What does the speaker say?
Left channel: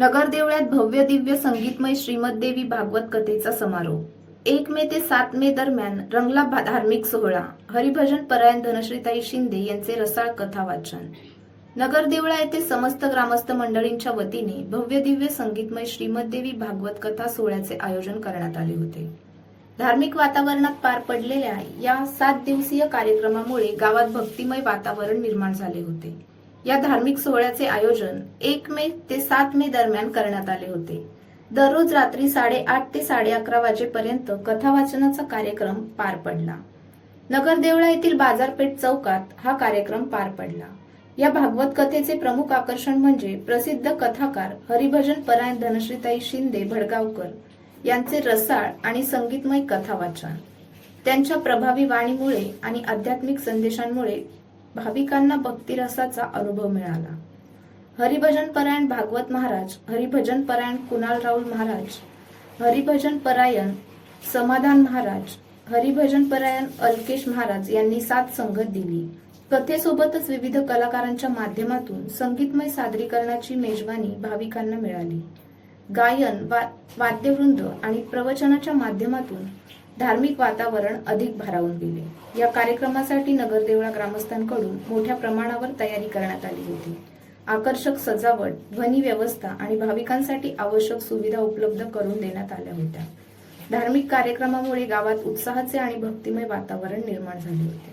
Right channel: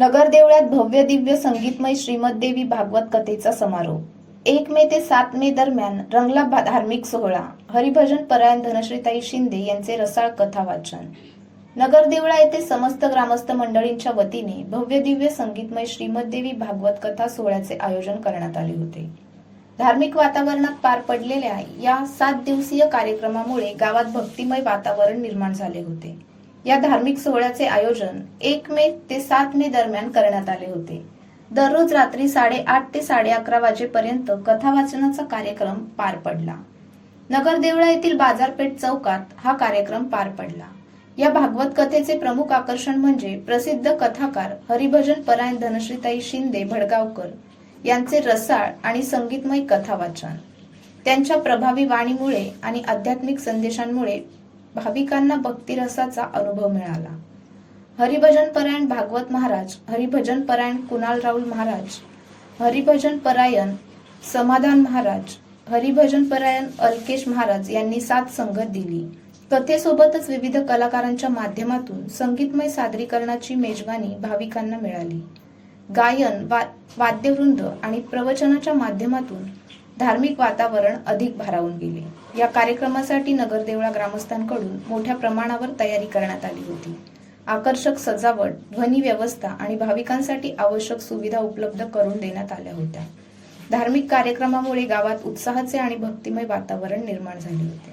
नगर देवळात भव्य दिव्य संगीतमय श्रीमद्देवी भागवत कथेचा समारोप. 1 मे ते 7 मे दरम्यान रंगला धार्मिक सोहळा. हरिभजन परायण धनश्रीताई शिंदे यांचे रसाळ कथा वाचन. नगर देवळा येथे समस्त ग्रामस्थ मंडळींच्या वतीने भव्य दिव्य संगीतमय श्रीमद्देवी भागवत कथा सोहळ्याचे आयोजन करण्यात आले होते. धार्मिक वातावरणात पार पडलेल्या या 7 दिवसीय कार्यक्रमामुळे गावात भक्तिमय वातावरण निर्माण झाले होते. या धार्मिक सोहळ्याचे आयोजन 1 मे ते 7 मे दरम्यान करण्यात आले होते. दररोज रात्री 8:30 ते 11:30 वाजेपर्यंत कथा वाचनाचा कार्यक्रम पार पडला. नगर देवळा येथील बाजारपेठ चौकात हा कार्यक्रम पार पडला. या भागवत कथेचे प्रमुख आकर्षण म्हणजे प्रसिद्ध कथाकार हरिभजन परायण धनश्रीताई शिंदे भडगावकर यांचे रसाळ आणि संगीतमय कथा वाचन. त्यांच्या प्रभावी वाणीमुळे आणि आध्यात्मिक संदेशांमुळे भाविकांना भक्तिरसाचा अनुभव मिळाला. हरिभजन परायण भागवत महाराज, हरिभजन परायण कुणाल राहुल महाराज, हरिभजन परायण समाधान महाराज, हरिभजन परायण अलकेश महाराज यांनी साथ संगत दिली. कथेसोबतच विविध कलाकारांच्या माध्यमातून संगीतमय सादरीकरणाची मेजवानी भाविकांना मिळाली. गायन, वाद्यवृंद आणि प्रवचनाच्या माध्यमातून धार्मिक वातावरण अधिक भारावून गेले. या कार्यक्रमासाठी नगर देवळा ग्रामस्थांकडून मोठ्या प्रमाणावर तयारी करण्यात आली होती. आकर्षक सजावट, ध्वनी व्यवस्था आणि भाविकांसाठी आवश्यक सुविधा उपलब्ध करून देण्यात आल्या होत्या. धार्मिक कार्यक्रमामुळे गावात उत्साहाचे आणि भक्तिमय वातावरण निर्माण झाले होते.